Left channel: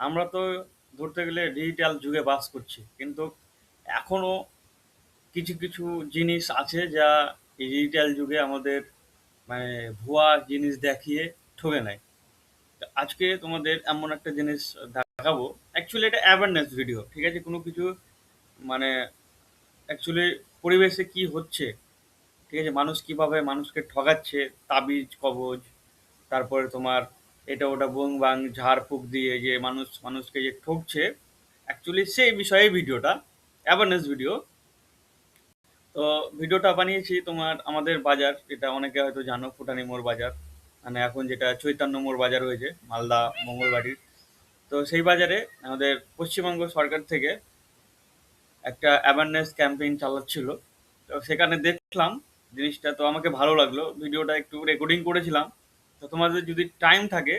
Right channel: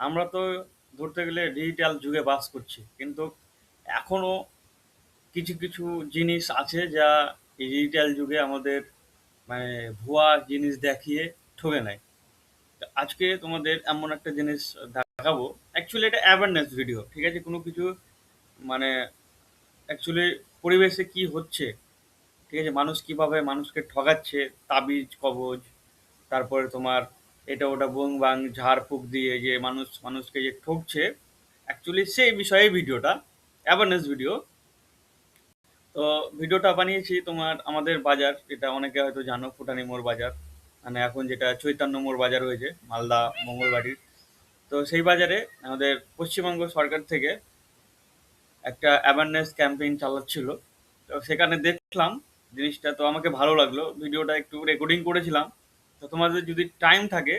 আমরা তো ধরতে গেলে ডিজিটাল যুগে বাস করছি। কিন্তু এখনও কিছু কিছু জিনিস আছে যা এই ডিজিটাল যুগে আমাদের মানে ভুয়া জিনিস দেখিয়ে ঠকে নেয়। তো আজকে তোমাদের এমন একটা জিনিস দেখাবো। অ্যাকচুয়ালি এটা অ্যাওয়ারনেস ভিডিও ঠিক আছে? কোনো কিছু মানে অ্যাকচুয়ালি পরিবেশে কি হচ্ছে, ঠিক আছে? মানুষ কীভাবে মানুষকে ঠকাচ্ছে, তাবিজ, কবজ, তারপরে তোমার এটা ওটা বুং বাং ঝাড়ফুঁক দিয়ে যে মানুষ, মানুষকে যে ঠকছে অ্যাকচুয়ালি সেই বিষয়ে ভিডিওটা অ্যাওয়ারনেস ভিডিও তো ভিডিওটা বানিয়েছি তোমার আমাদের বাজার, যেটা অনেকে হয়তো জানো, ফুটানি মোড় বাজার। মানে এখন যেটা চৈতন্য মোড় বাজার হয়েছে, মালদা মঙ্গলবাড়ির। তো সেই বাজারে আমাদের পশ্চিমবঙ্গ সরকার থেকে একটা অ্যাওয়ারনেস ক্যাম্পেইন চালাচ্ছিল। তো সেখানে দেখলাম জিনিসটা, তো আমাকে ভালো লাগল। ভিডিওটা একটু রেকর্ডিং করেছিলাম। তো তোমাদের যদি টাইম থাকে,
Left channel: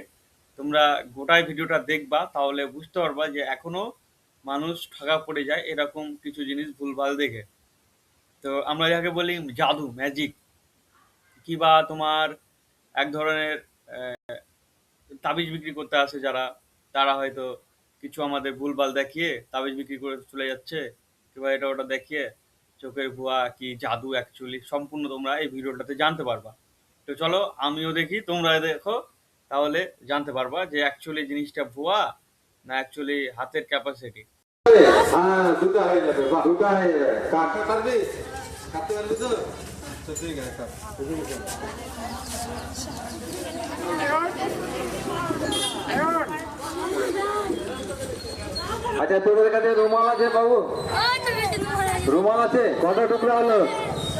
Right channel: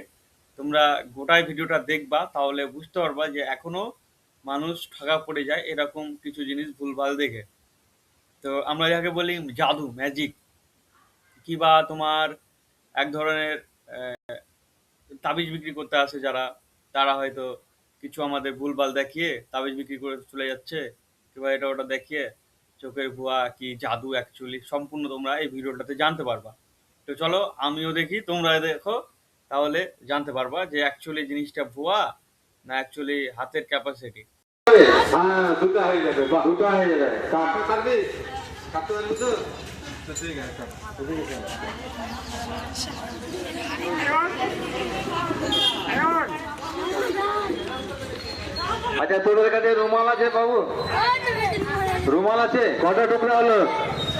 তোমরা গোটায় ভিডিওটা দেখবা, তাহলে বুঝতে পারবা যে এখনও মানুষ ঠগা পড়ে যায় এরকম কিছু জিনিস ভুলভাল দেখে। তো আমরা যাকে বলি জাদু ম্যাজিক কিবা তোমার এক ধরনের তাবিজ বিক্রি করতে আসে যারা, তারা হয়তো কিছু আমাদের ভুলভাল দেখিয়ে তাবিজ বিক্রি করে চলে যাচ্ছে কিংবা এটা ওটা দেখিয়ে চোখের ভুয়া কি জাদু অ্যাকচুয়ালি সম্পূর্ণ তোমরা এই ভিডিওটাতে জানতে পারবা। তো চলো আমিও দেখি তোমরা দেখো। তাহলে জানতে পারবা যে অ্যাকচুয়ালি জিনিসটা ভুয়া না অ্যাকচুয়ালি হাতের ক্যাপাসিটি আচ্ছা তোদের কাছে রুমাল আছে বাবু? রুমাল আছে? কটা টুকরা হলো?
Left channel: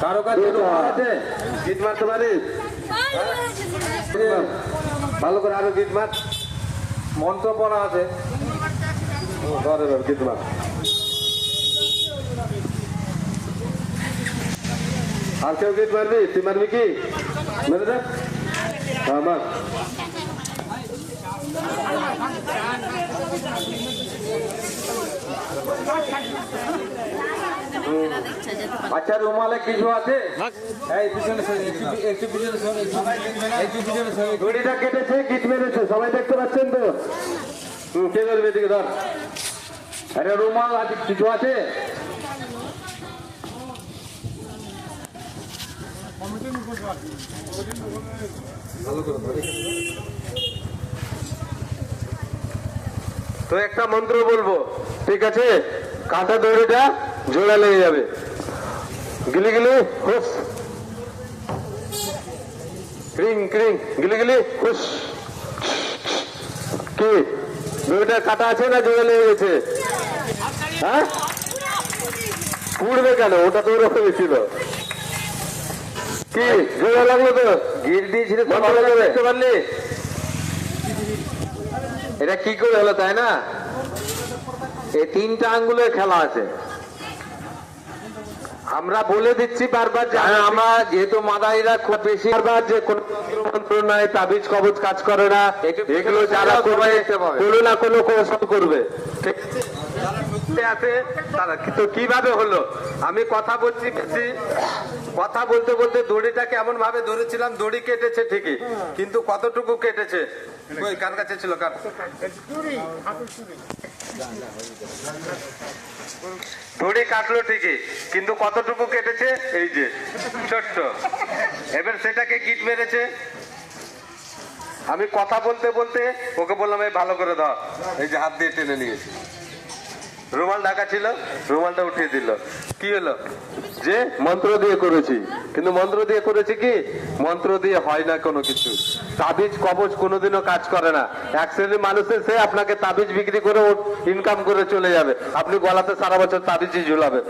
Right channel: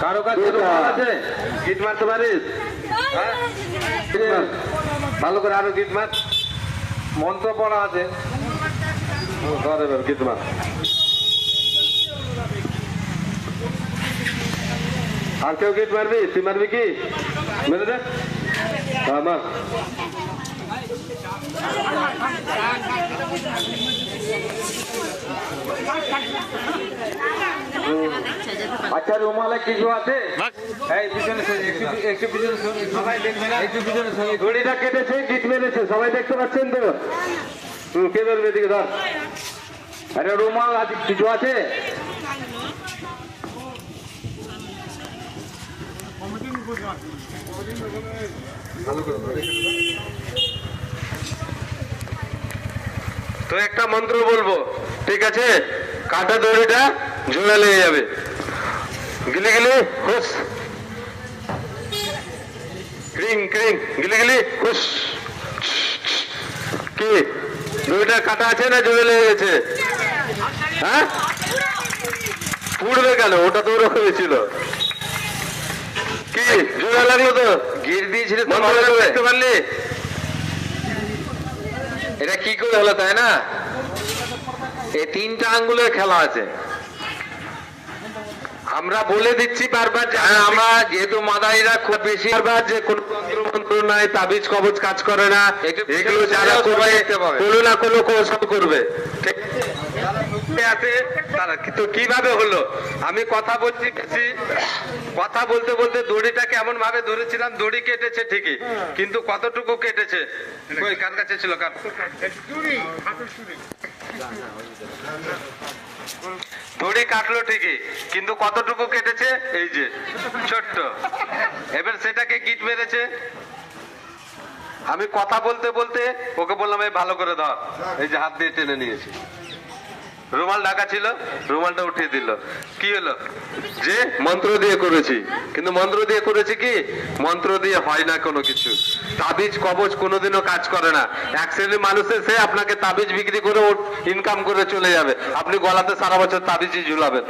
কারও কাছে আছে? গিট মারতে পারিস? ভালো করে আরও গিট মার। মন্ত্র পড়া আছে। ধর এবার গিট মার। আর কেউ গিট মারবি? তুই মারবি কি? মেরে দে। হ্যাঁ মার। আচ্ছা রুমালে কিছু আছে? এই পিছনে একটু পিছনে একটু- একটু পিছনে। ঘড়িটা কেটেছে গিট মেরেছে সবাই দেখতে পাচ্ছেন তো? হুম কে ধরবে এদিকে ধর। আরে রুমাল আছে কিছু আছে? তো একটা মন্ত্র বলব ঠিক আছে? কাটা দড়িটা জোড়া লেগে যাবে। গিলি গিলি হুস ক্রিং ক্রিং গিলি গিলি হুস কি? দড়িটা কাটা আছে না জোড়া লেগে গেছে? হ্যাঁ? পুড়বে কেন? ওটা তো ওরকমই ছিল কি জোড়া লাগল তো? গির দিয়েছিল দেখতে পারলি? এটা কি করে হলো তাই না? এই তিনটা আঙ্গুলের খেলা আছে। আমরা বলে দিচ্ছি বারবার যে আমরা যেহেতু মাদারিরা খুব বেশি বারবার যে কোন মন্ত্র নাই তাবিজ কবজ কাজ করে না। এগুলো যারা করবে কোনো না কোনো কৌশল করবে। ঠিক। আছে কিন্তু কীভাবে হলো? আমি কথা বলছি কথা বলতে বলতে দড়িটা কেমন ভাবে ধরেছিলাম দড়ি কেটেছে ঠিকই কিন্তু কতটুকু কেটেছে? কার কাছে ছিল? কার? দড়ি কাটলো ঠিকই, কিন্তু কতটুকু কেটেছে? এই যে, ছোট্ট। এবার সেটাকে গিট মেরেছে। আমি কথা বলতে বলতে ওকে বললাম, এই ভালো করে ধর। এই যে হাত দিয়ে টেনে নিয়েছি। রুমাল ঢাকা ছিল, রুমালটা উঠিয়ে দিল। কি হলো? যে মন্ত্র দিয়ে করেছি। কিন্তু মন্ত্র দিয়ে করেছি কি? মন্ত্র দিয়ে হয় না কোনো কিছু। তাবিজ কবজ কোনোদিনও কাজ করে না। এক শ্রেণির মানুষের সে আপনাকে তাবিজ বিক্রি করে ইনকাম করে চলে যাবে। আপনি গলাতে সারা বছর তাবিজই ঝুলাবেন।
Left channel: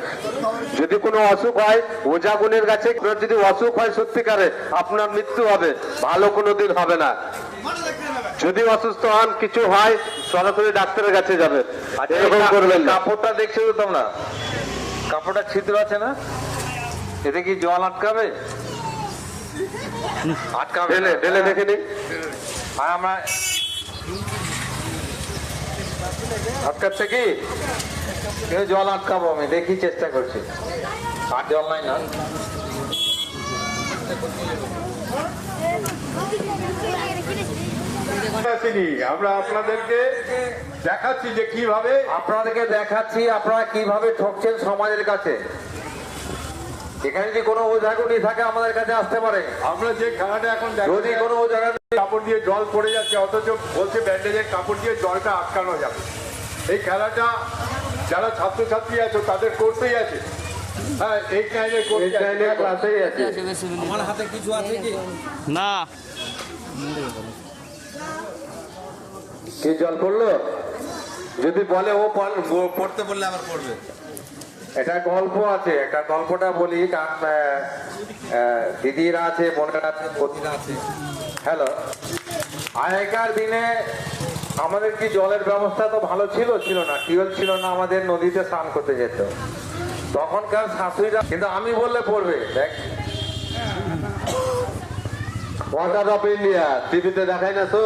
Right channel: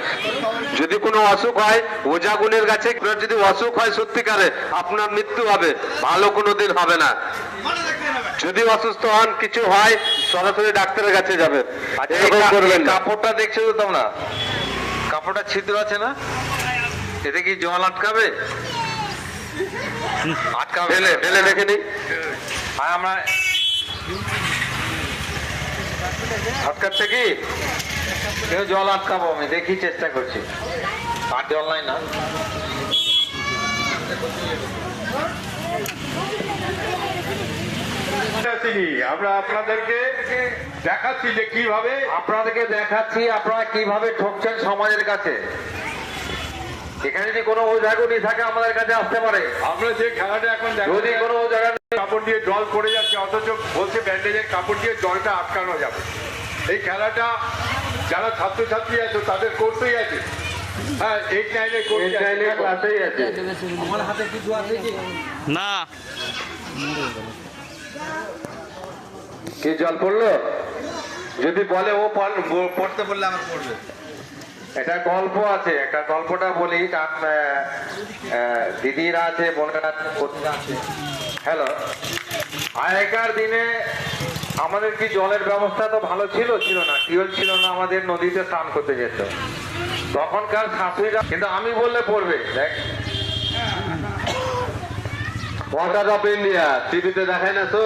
যদি কোনো অসুখ হয় ওজা গুণের কাছে যদি অসুখ হয় সত্যিকারে আপনার মৃত্যু হবে। ভালো কোনোদিন হবে না। যদি অসুস্থ হন কিছু হয় সরাসরি ডাক্তারের কাছে যাবেন এরকম কাপড়টা দেখছ তো তোমরা? কাপড়টা ছিদ্র আছে না? এতে কি জল আটকাবে? আটকাবে ফেলে ফেলে দেখে নি। আর আমরা আটকাচ্ছে কি? কেউ জল আটকাবো আমি দেখি চেষ্টা করছি। আর জল নাই না। আমরা আপনাদেরকে দেখাচ্ছি যে কীভাবে আপনাদেরকে দেখাচ্ছি আপনারা কীভাবে ঠকছেন সমাজের কাছে। এখানে যদি কোনো ওঝাগুনি থাকে আমাদের কাছে আসতে পারে। আমরা যে খেলাটা এখন যদি কোনো ওঝাগুনি কাপড় দিয়ে জল পড়ে যাচ্ছে অথচ বলছে ব্যান্ডেজের কাপড় দিয়ে জলটা আটকানো যাবে। এই খেলাটা যারা ছাত্রছাত্রী আছে তাদের করতেই আছে। হ্যাঁ এইট নাইনে এই লাইনে ক্লাসেই আছে। না। কি জল পড়ল? যদি বলে ও পড়- পড়তে বললে আমার পড়বে। এটা গল্প আছে একটা গল্পটা বলি কারণ দিদিরা আছে বোনেরা আছে হ্যালো আগেকার দিনে আমাদের কি জলের ব্যবস্থা তো ভালো ছিল? ছিল না। টিউবওয়েল ছিল না আমাদের নদীতে স্নান করতে যেত। তখনকার শাশুড়িরা কিন্তু আমি বললে পড়বে দেখ। ওয়াটার অফ ইন্ডিয়া টিভিতে দেখায় না তো?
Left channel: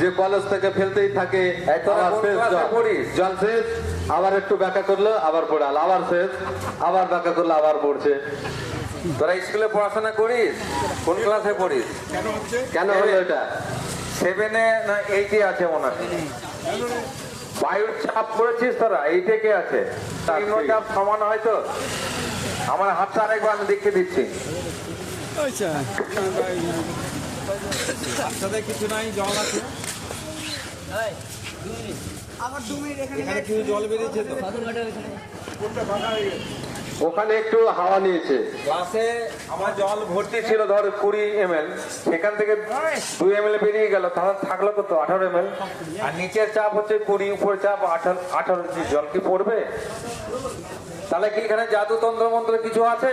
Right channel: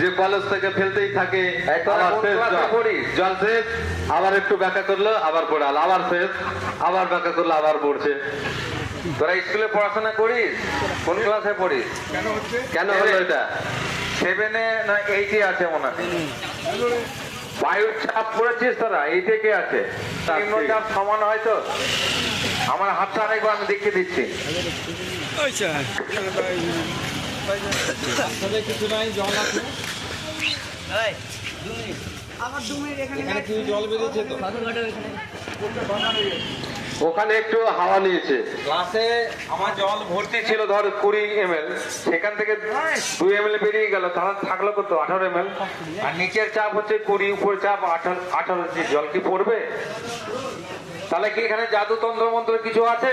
যে কলেজ থেকে ফেলতেই থাকে? জল শেষ? আবার একটু ব্যাখ্যা করল আবার পড়াল আবার শেষ আবার ব্যাখ্যা করল আবার পড়ছে তোরা স্কুলে পড়াশোনা করিস কোন ক্লাসে পড়িস কেন হলো এটা সেভেনে না এইটে আছে মনে হয় বায়ুর চাপ করেছিস তোরা এইটে কে আছে নিম্নচাপ সমান হয়তো আমার হাতটা আরেকবার আমি দেখিয়ে দিচ্ছি ওখানে একটু হাওয়া নিয়েছে। ক্লাসে আমার জল ভর্তি ছিল ধর কুড়ি এম সেখান থেকে দুই এম বেরিয়ে গেল তাহলে থাকল কত? আঠারো এম আর নিচের চাপ হচ্ছে কুড়ি উপর চাপ আঠারো আঠারো জল কি পড়বে? তাহলে কি এখানে জাদুতন্ত্র মন্ত্র কিছু আছে?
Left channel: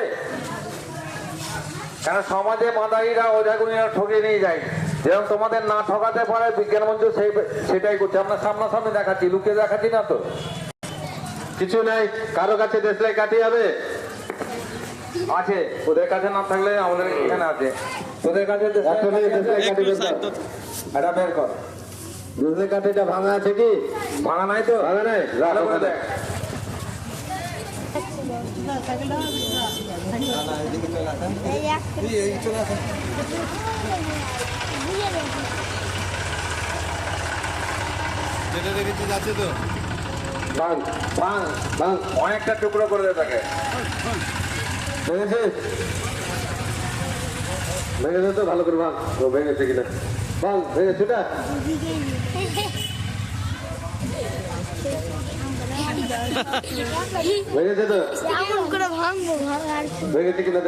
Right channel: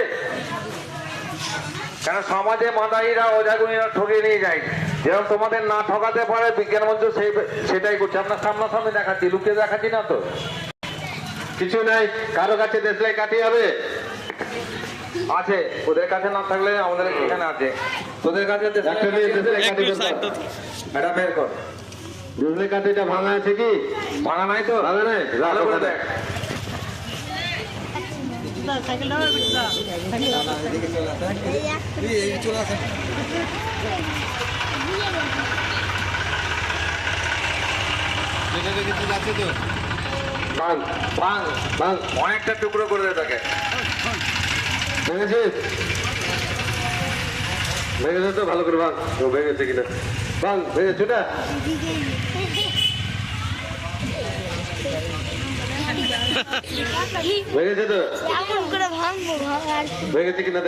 কেন সমাজে মাদারিরা ওঝাগুনিরা ঠকিয়ে নিয়ে যায় যেরকম তোমাদের না ঠকাতে পারে বিজ্ঞান মঞ্চ সেই সেটাই করছে। আমরা সামনাসামনি দেখাচ্ছি লুকিয়ে দেখাচ্ছি না তো। কিছু নাই কারও কাছে দেশলাই কাটি হবে। আছে ওদের কাছে না থাকলে আমাদের এখানে আছে। তোদের কাছে একটু বের কর। এটা দেশলাই কাঠিটা ভাঙা আছে কি? ভাঙা নাই তো? ভাঙা নাই? ভাঙ অনেকটা টুকরো করে দে তাকে ভেঙেছিস ভেঙেছে তো? ভালো করে ভাঙ ও ভেঙেছে কিনা? ভাঙ ভেঙেছে ভেঙেছে তো? ভেঙেছে কিনা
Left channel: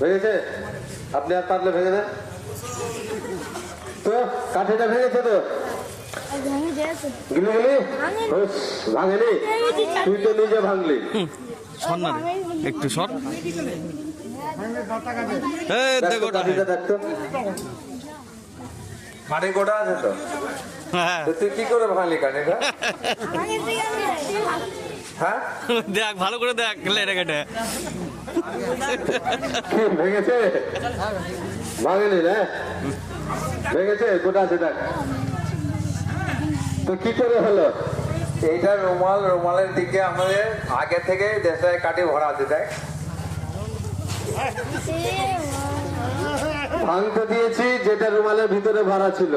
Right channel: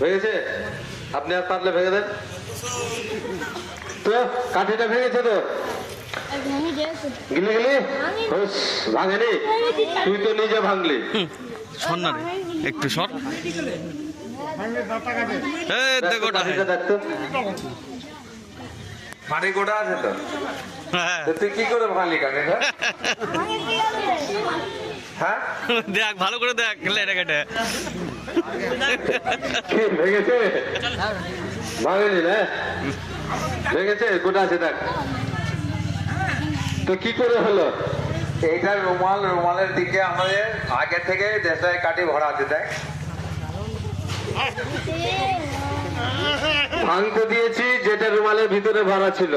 ভেঙেছে আপনি আর পারলে ভেঙে দেন। তো, কাঠিটা ভেঙেছে তো? গিলে গেলি? হুস, ভাঙেনি? তুই তো নিজে ভাঙলি। সর না রে একটু সর গোটা আছে তো? হ্যাঁ। তুই কি করে ভাঙলি হ্যাঁ? দেখ ভালো করে দেখ লেটে কেটে। কি ভেঙেছে? ভাঙেনি না? ভেঙেছে? গোটা আছে দেখ। তো কি করে হলো? এইটা রুমাল রুমালের দিকে আমাদের আগে থেকে দেশে কাটি ভরা আছে দেখ। ভাঙতে দিয়েছি যেটা রুমালের ভিতরে ভরা ছিল।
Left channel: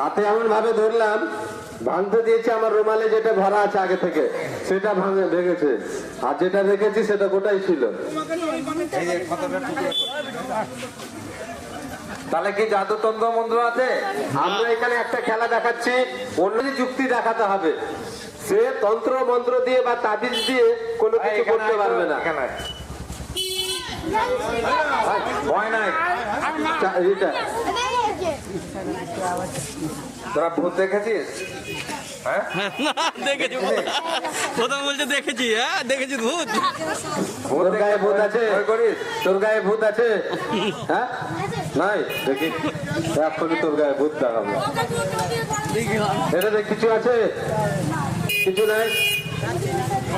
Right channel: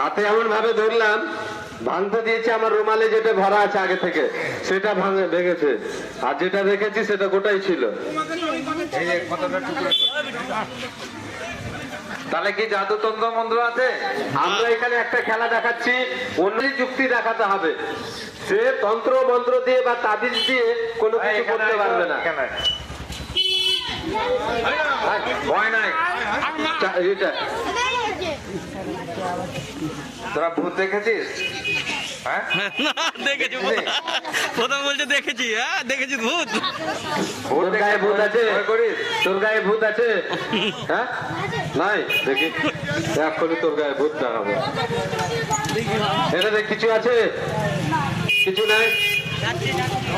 হাতে এমন ভাবে ধরলাম ভাঙতে দিয়েছি আমার রুমালে যেটা ভরা আছে আগে থেকে সেটা ভাঙে ভেঙেছে। আর যেটা রেখেছি সেটা গোটাই ছিল। এই টুকরো তাহলে কি জাদুতন্ত্র মন্ত্র আছে? আমরা এখানে একটা খেলা দেখাচ্ছি অন্য যুক্তি দেখাতে হবে। সে তন্ত্র মন্ত্র দিয়ে বা তাবিজ দিয়ে কোনো কিছু করতে পারবে না। ভয় নাই। এটা তোরা ভূত দেখেছিস? হ্যাঁ? না দেখেছি প্রথম বলছে দেখেছি হ্যাঁ দেখেছি ভূত। ভূত গায়ে ভূত আছে। তোর গায়ে ভূত আছে? হ্যাঁ? নাই, দেখি। এক্ষুনি তোর গায়ে ভূত দেখাবো। এখানে কিছু আছে? কিছু নাই?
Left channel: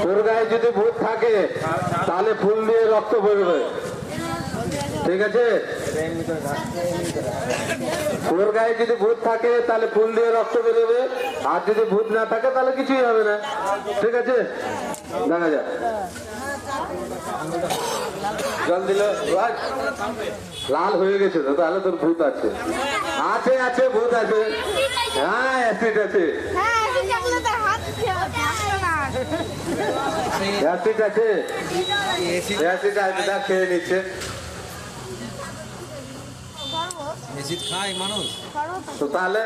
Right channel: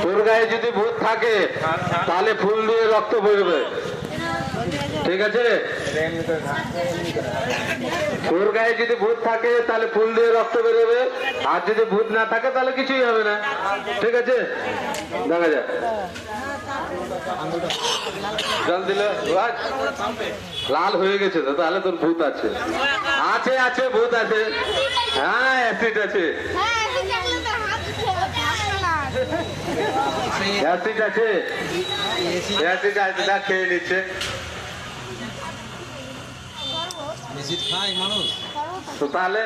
তোর গায়ে যদি ভূত থাকে, তাহলে ফুল দিয়ে রক্ত বইবে। ঠিক আছে? তোর গায়ে যদি ভূত থাকে, তাহলে ফুল দিয়ে রক্ত বেরোবে। আর যদি ভূত না থাকে, তাহলে কিছুই হবে না। ঠিক আছে? দেখা যাক। জল দিলে লাল হয়ে গেছে তো, তাহলে তোর ভূত আছে। আছে আছে, ভূত আছে। হ্যাঁ অ্যাসিড আছে অ্যাসিড আছে। অ্যাসিড আছে না খেয়ে নিচ্ছে। তো তাহলে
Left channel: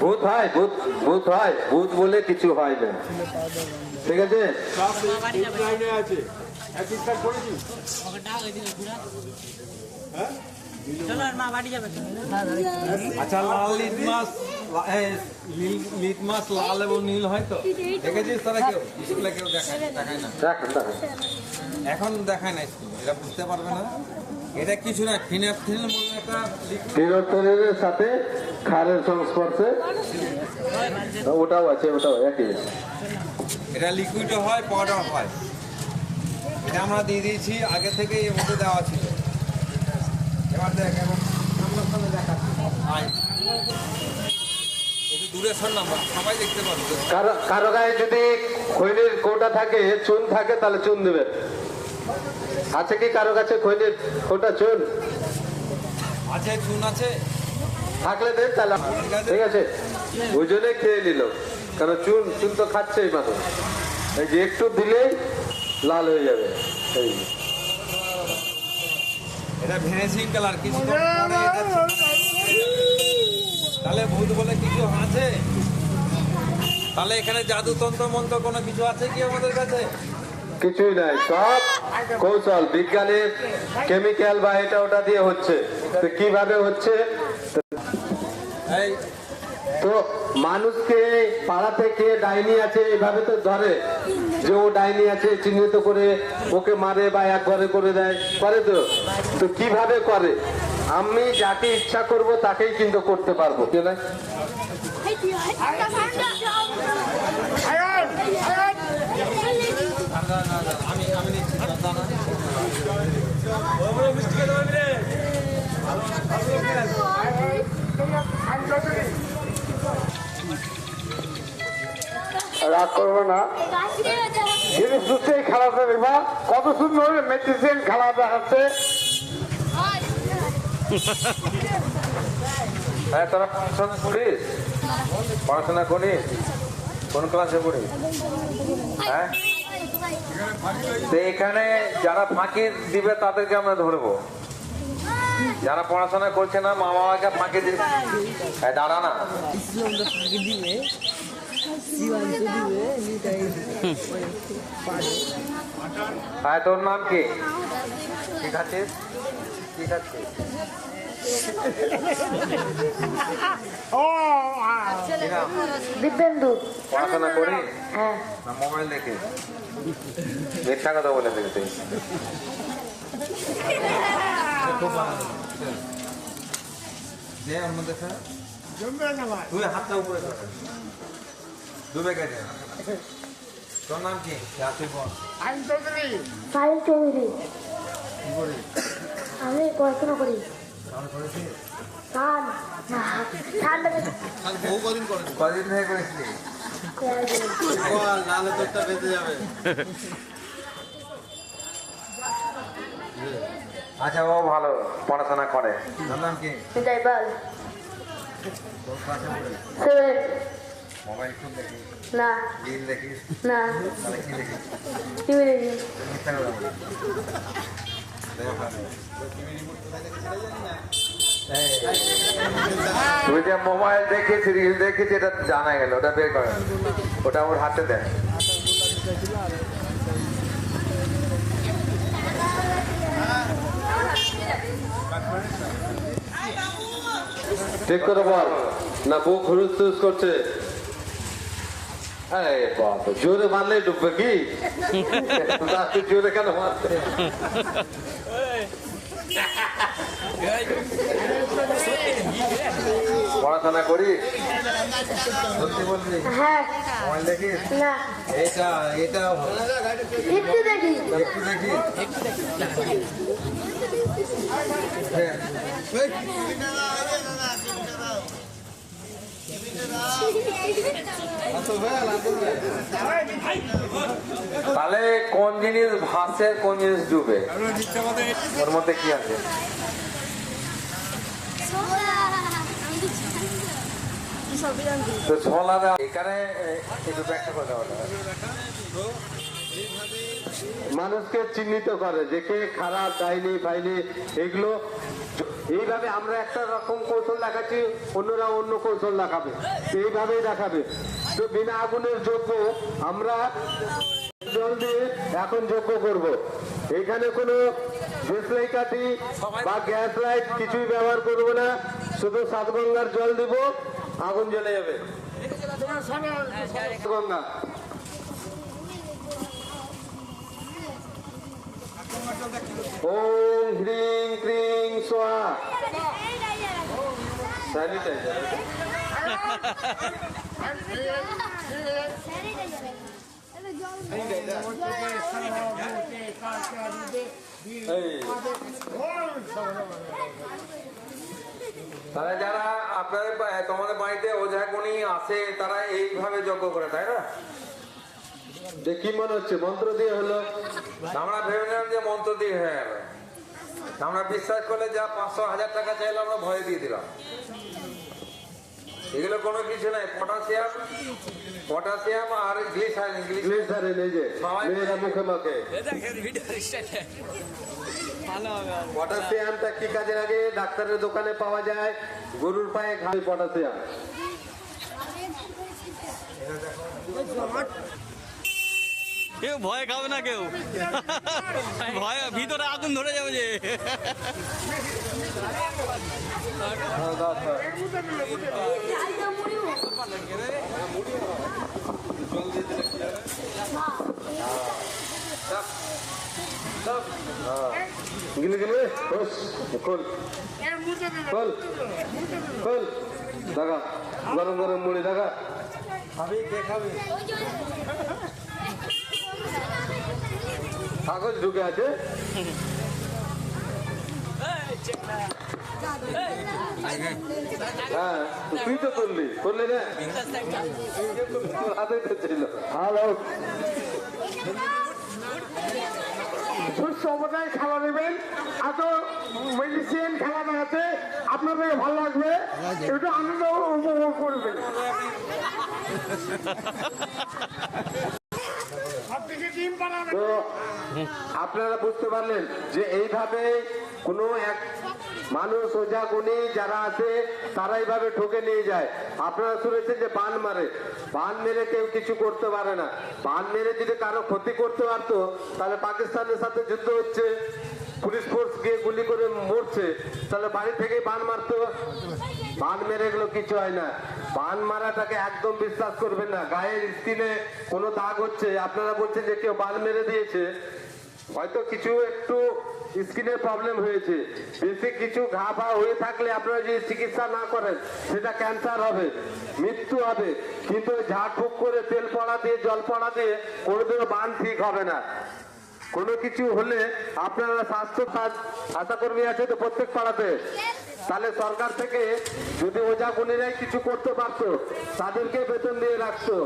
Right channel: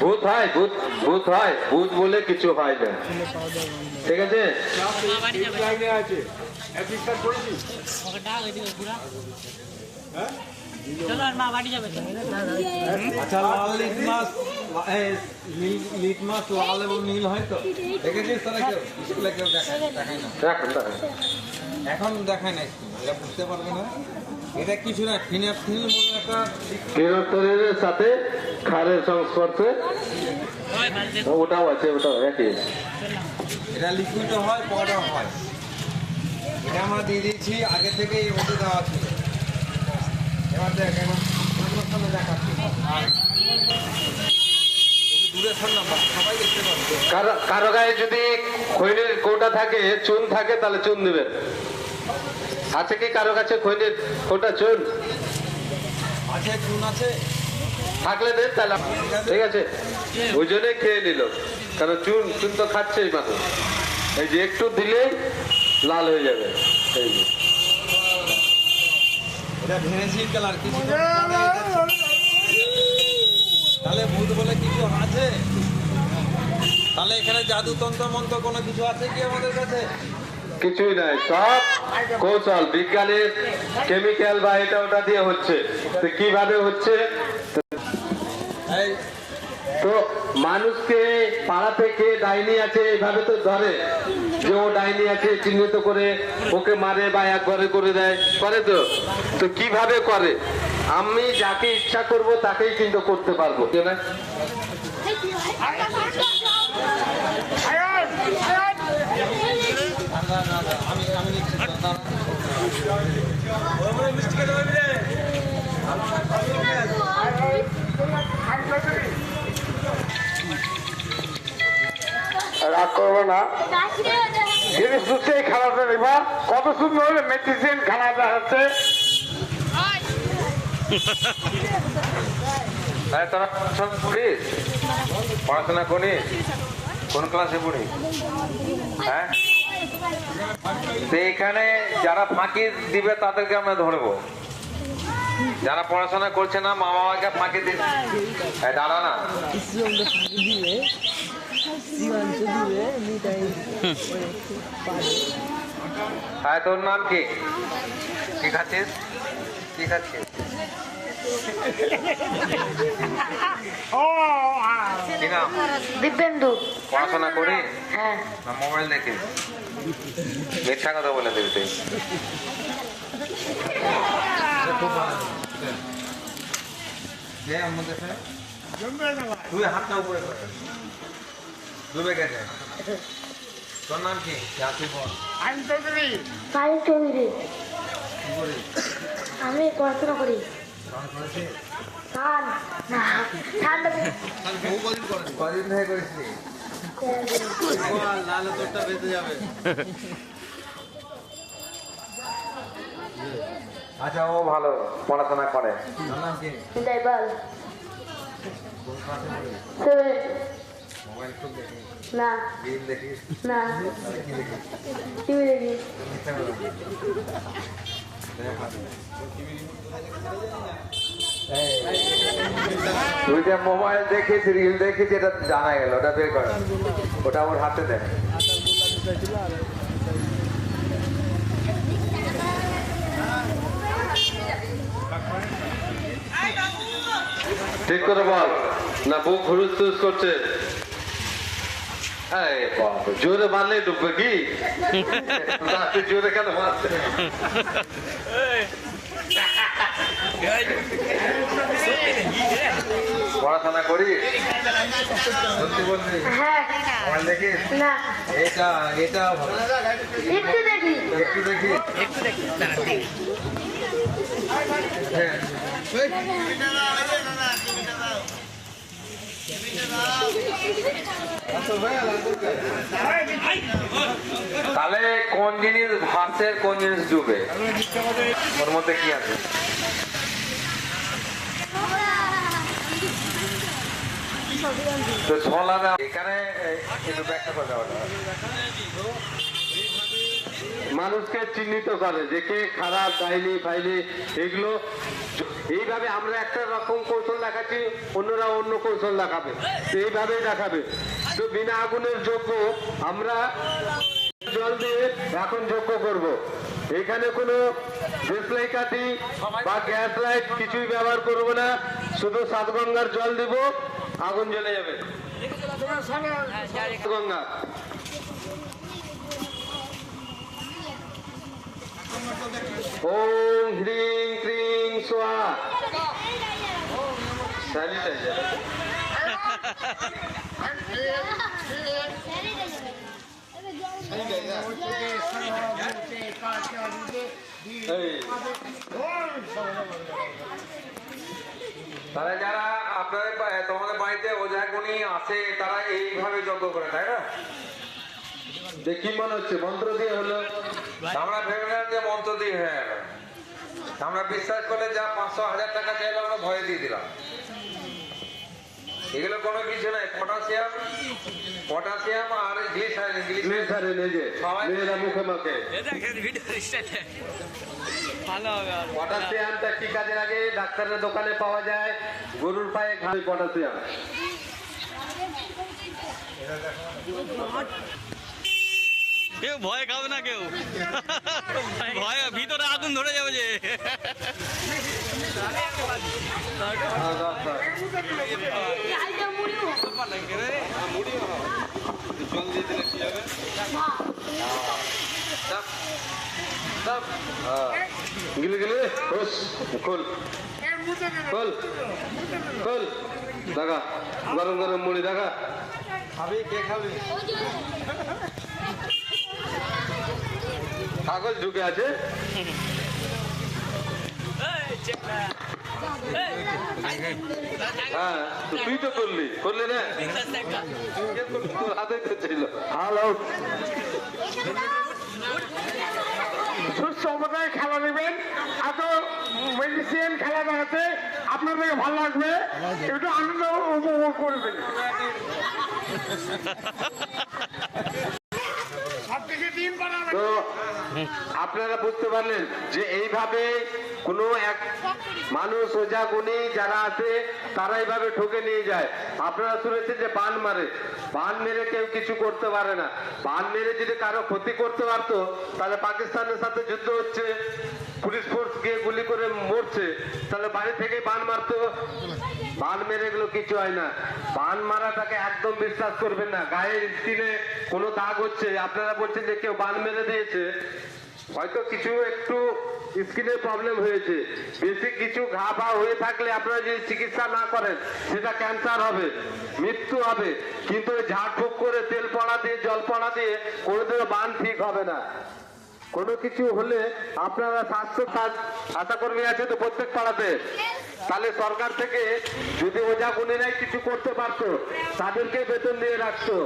ভূত হয় ভূত ভূত হয় ভূত বলে কিছু হয় না। ঠিক আছে? আচ্ছা লাল লিটমাস লিটমাস লাল এবং নীল হয় তো? দেখেছিস তারা কেউ? স্কুলে কেউ দেখায় না। এখন দেখায় না স্কুলে এরা বুঝতে পারবে না। এটা কিছু না ফিনাফিন কেরোটিনের সাথে খারের সংস্পর্শে ওটাও আছে ওটাও একই। এটা লিকুইডও হয় পাউডার হয়। এটা আমরা দিয়ে দিয়েছি আগে থেকে এর মধ্যে দেওয়া ছিল। এবার দেখ এবার কারও গায়ে যদি খৈনের কোটা থাকে চুন থাকে তাহলে চুন দেবেন। আছে কি কারও কাছে খৈনের কোটা চুন? আছে চুন আছে। থাকলে দেন তাহলে। ঠিক আছে। ওই জন্যই খেয়ে নিল। কারণ চুন চুন তো খাচ্ছেই মানুষ। এই যে একটু দিলেই লাল হয়ে যাবে। এই। এটা ভেনেসির কালার কিছু তাহলে ভূত বলে কিছু আছে? তাহলে এখানে জাদু তন্ত্র মন্ত্র কোনো কিছু আছে কি আমাদের কাছে? কিছুই নাই সব কৌশল বিজ্ঞানের কেমিক্যাল বা এটা ওটা দিয়ে হচ্ছে। তো কীভাবে হচ্ছে? এই তো মানুষকে পাড়া থেকে ডাইনি আছে এইভাবে তো ধরে। যে ও ডাইনি আছে চিহ্নিত করে ওকে মারে বা এক ঘরে করে দেয় করে তো। তো কীভাবে করে? আমি যাকে ইচ্ছা করব তাকেই কিন্তু করতে পারব না আমি আমি নিচ্ছি দাঁড়া। রাগ করব না খারাপ এবার কত সুন্দর মেডিসিন খারাপ হচ্ছে হ্যাঁ তোরা পড়াশোনা করিস পড়াশোনা করিস কোন ক্লাসে পড়িস হ্যাঁ তো এখানে যারা ফাঁকি দিবে তাদেরকে আমরা ধরবো যারা পড়াশোনা করছে না মা বাবাকে ফাঁকি দিচ্ছে দাঁড়া না। হ্যাঁ তোর নাম কি? কি খাচ্ছিস? কি খাচ্ছিস? দিব্যেন্দু। পড়াশোনা করি। হ্যাঁ। মোবাইল দেখে। মিথ্যা কথা বলে দিবি তুই। হাতটা উপরে কর। ডুবে গেছে তোর নাম কি? যা তুই বল সাই চৌধুরী আমি পড়াশোনা করি। কদিন করেছিলি তোরটা বেঁচে যাবে আচ্ছা ও ভালো পড়াশোনা করে। নাম কি? মোবাইল খুব দেখিস না। গেম দেখিস? না। কি দেখিস? টিভি দেখি। তুই যে মোবাইল দেখিস রিল দেখিস এটা জানা গেল ওটা বের করা। ওটা আমার হাতে দেয়। ঠিক করে বল। না, বুক হুরুস করছে। জোরে মারলেই ডুববে কি? জোরে কেন পড়াশোনা বলবি হ্যাঁ। এটা এটা। একটু দেখি। একটু দেখিস তাহলে কোন জিনিস ভাসে কোন জিনিস ডুবে? ওর মধ্যে কি আছে? ছোলা। মানুষকে চিহ্নিত করে যে কে খারাপ ডাইনি ফাইনি এগুলো এইভাবে আমরা একটা রকম কৌশল দেখাচ্ছি অন্যরা অন্য কৌশল দেখাবে এইভাবেই দেখাবে তো বিনা আগুনের যোগ্য আমরা জল দিয়ে এখন যোগ্য করব এখানে কোনো দেশলাই কাঠি বা গ্যাস লাইট কিছুই ব্যবহার করব না শুধু সাত গঙ্গার জল দিব আগুন জ্বলে যাবে গঙ্গা ওম হ্রিং ক্রিং সোয়া স্যানিটাইজার তারা যারা আপনাদের তোমাদের বাড়িতে ওঝাগুনি আছে, তারা এইভাবে যজ্ঞ করে, তাই না? কি মনে হচ্ছে, মন্ত্র দিয়ে হলো। আমরা ভেবেছিলাম যে মন্ত্র দিয়ে, হয়ে। গেল আমরা বিশ্বাস করে যা পাঁচশো হাজার টাকা চাইলাম আমরা ভয় দিয়ে দিলাম। এগুলো কোনো কিছু নাই পটাশিয়াম পটাশিয়াম আর গ্লিসারিন গ্লিসারিন এই যে মেয়েরা মুখে মুখে। পটাশিয়ামটা কি কাজে লাগে? ডাক্তারের দোকানে পাওয়া যায়। গরুর পায়ে পটাশিয়াম কেউ ভয় খাবে না কেউ। ভয় ভিতরে আগুন ধরে যাবে যে। গিলে গিলে ওস খোল। খোল খোল, দাগা, গরম গরম মুড়ি, দাগা। খাবি কে খাবি কাগজ ঢুকে আছে। হ্যাঁ তো তুই তো করলি। করলে না হ্যালো সুস্থ অবস্থায় খেলা দেবেন এত মেডিসিন খেলা দেখাতে আপনাদের ভালো লাগবে একটু আনন্দ উপভোগ করবেন সব থেকে দিন বানাবেন তো আপনারা বুঝতে পারলেন যে এইভাবে কোনো এক মানুষ ওজা গুণী যারা আছে, তারা এইভাবে ঠকে নিয়ে যায়। আপনারা শুনেছেন যে বান মারে। বান মেরে কেউ কিছু করতে পারে না। বান মেরে যদি কারও ক্ষতি করতে পারতো, তাহলে পাকিস্তানের সাথে যুদ্ধ হচ্ছে। পুলিশ ফোর্স গিয়ে গুলি করে মরছে। তাহলে বাড়ি থেকে বান মারতো বান মেরে এগুলো কিছু হয় না। বান মারাটাকে একদম বিশ্বাস করবেন না। গায়ের স্কিনে কোনো দাগ হচ্ছে। আপনারা বলছেন যে কেউ বান মেরে দিয়েছে। হয়তো কিছু একটু স্কিনের প্রবলেম হয়েছে। বেশি কিছু ঘা ফা হয়ে থাকলে আপনারা যদি চিকিৎসা না করেন, সেটা ক্যান্সার হবে, মৃত্যু হবে। কিন্তু ঝাড়ফুঁক করে তেল পড়া দিয়ে, জল পড়া দিয়ে কোনোদিনও বান ঠিক হবে না। কোনো কিছু হলে আপনারা স্বাস্থ্য আশাকর্মী আছে তো প্রত্যেক পাড়াতে? তাহলে সরকার থেকে যদি ওজা গুণীরাই কিছু করতে পারতো, তাদেরকে বেতন দিয়ে রাখতো।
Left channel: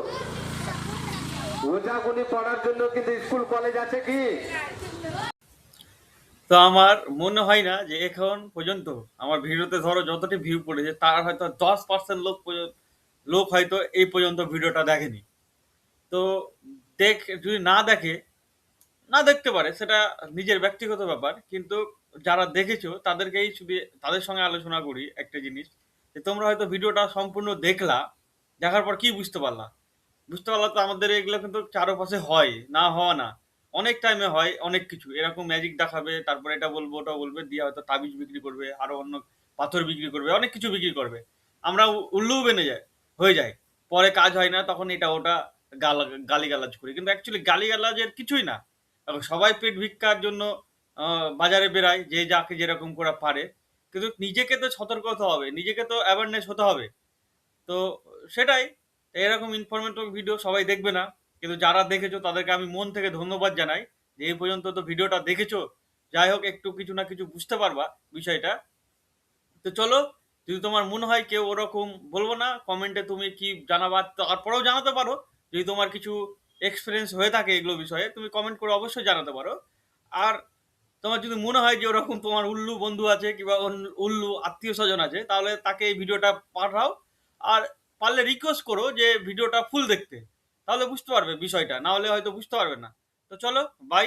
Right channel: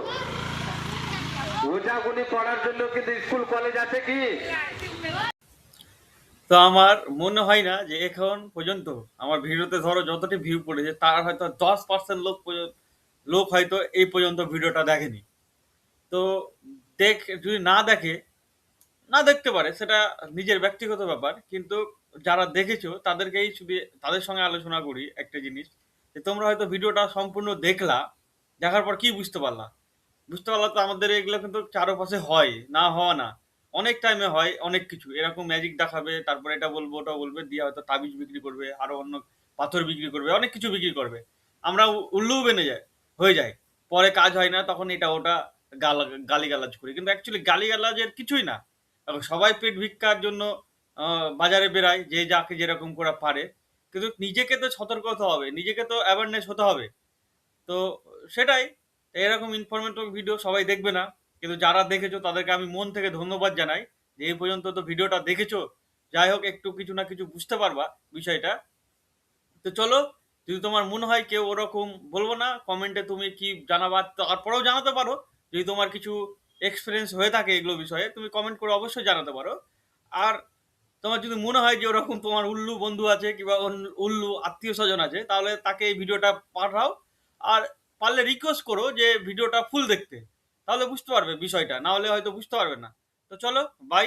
ওজা গুণী করার জন্য কিন্তু স্কুল, কলেজ আছে কি? তো আমার মনে হয় না যে এখন পর্যন্ত আমার ভিডিওতে ধরো যতটি ভিউ পড়েছে, তার হয়তো দশ পার্সেন্ট লোক লোক হয়তো এই পর্যন্ত ভিডিওটা দেখেনি। তো দেখ, যদি না দেখে না দেখতে পারে, সেটা নিজের ব্যক্তিগত ব্যাপার, কিন্তু যারা দেখেছ তাদেরকেই শুধু তাদের সঙ্গে আলোচনা করি একটা জিনিস, যে তোমরা হয়তো ভিডিওটা সম্পূর্ণ দেখলা, দেখার পর কি বুঝতে পারলা? বুঝতে পারলা তো আমাদের এগুলো কিন্তু চারপাশে হয়, না হওয়া না। অনেক টাইমে হয়, অনেক কিছু। এরকম ম্যাজিক দেখাবে, তারপরে এটা বলব, ওটা বলবে, দিয়ে হয়তো তাবিজ বিক্রি করবে, আরও অন্য পাথর বিক্রি করবে, অনেক কিছু বিক্রি করবে। আমরা উ- উল্লুও বেনে যায়, হয়ে যায়। পরে কাজ হয় না, তখন এটা ওটা গালা, গালিগালাজ করি। কিন্তু অ্যাকচুয়ালি গালিগালাজের কিছুই না। এখন সবাই পেট ভিক্ষার জন্য বাজারে বেরায় যে যাকে যেরকম করে পারে। কিন্তু নিজেকে তো সতর্ক হতে হবে, নিজেকে তো অ্যাওয়ারনেস হতে হবে। তো সেটাই, এরকম ইনফরমেটিভ ভিডিও সবাই দেখবে না। কিন্তু যারা দেখেছ, তাদেরকে আমি মন থেকে ধন্যবাদ জানাই যে এই পর্যন্ত তো ভিডিওটা দেখেছ। যাই হোক, একটু কিছু না কিছু বুঝতে পারবা বিষয়টা। তো চলো, যদি তোমার মনে হয় কেউ ওরকম বলব না কমেন্টে তুমি কি জানাবা, তারপরেও জানাতে পারো। যদি তোমার কিছু এক্সপিরিয়েন্স হয়ে থাকে এগুলো বিষয়ে, তুমি কমেন্ট করে অবশ্যই জানাতে পারো। আর তোমার যদি মনে হয় যে ওরকম তোমার উল্লু বন্ধু আছে কিংবা উল্লু আত্মীয় স্বজন আছে, তাহলে তাকে এই ভিডিওটা পাঠাও। আর পারলে রিকোয়েস্ট করো যে ভিডিওটা ফুল দেখতে। তাহলে বুঝতে পারবে বিষয়টা, না হলে হয়তো বুঝতে পারবে না। তো চলো বাই